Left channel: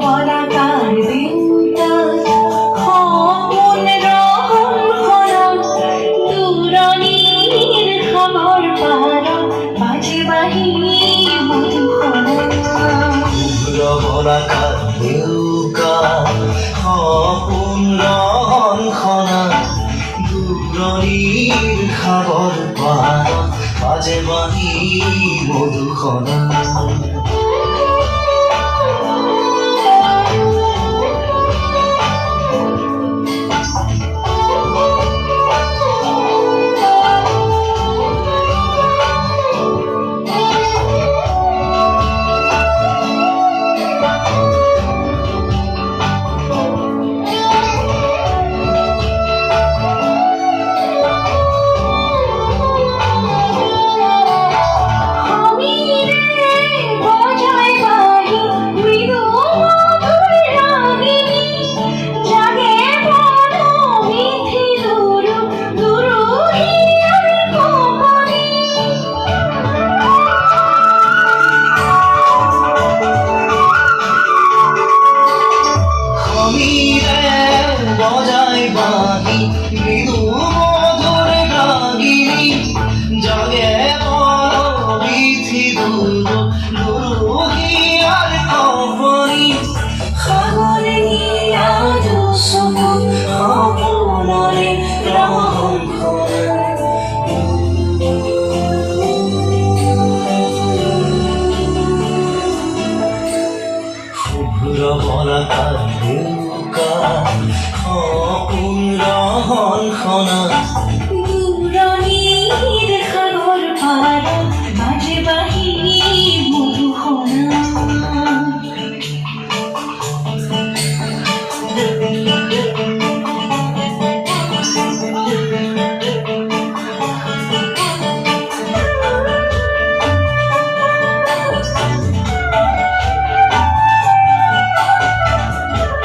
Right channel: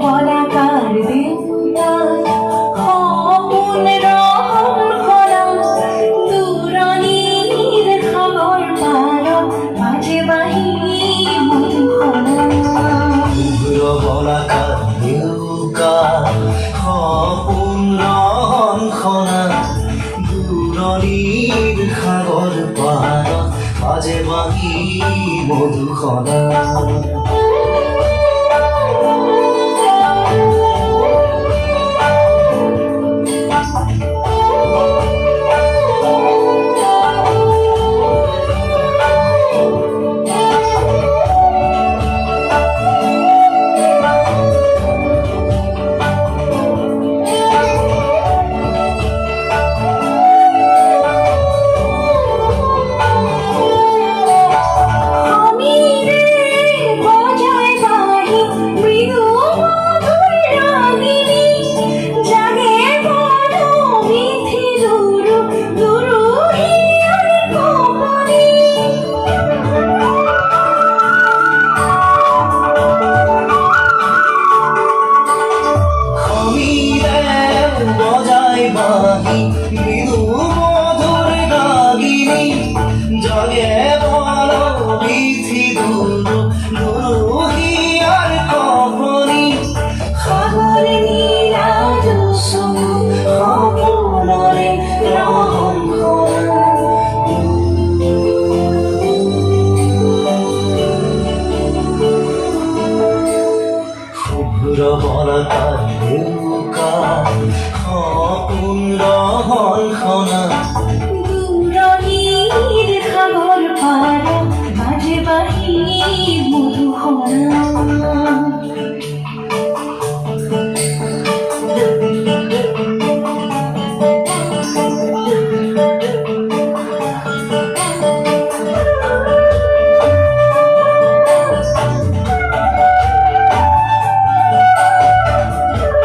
বলাকাৰ দিনটা খবৰ দূৰণীৰ খবৰ পাৰ মাঝে বাহি শুভ্ৰ বলাকাৰ দেউকা সপোন ৰহনখনা দূৰণিৰ সাগৰ পাৰত বাজে বাঁহী মধুসনা মৃদু মধুৰ গাগিনী জাগে বড় বিধি দুৰুহিয়াৰ কপনি সাগৰে নীলাজ সমুদ্ৰে শুভ্ৰ বলাকাৰ দেউকা সপোন ৰহনখনা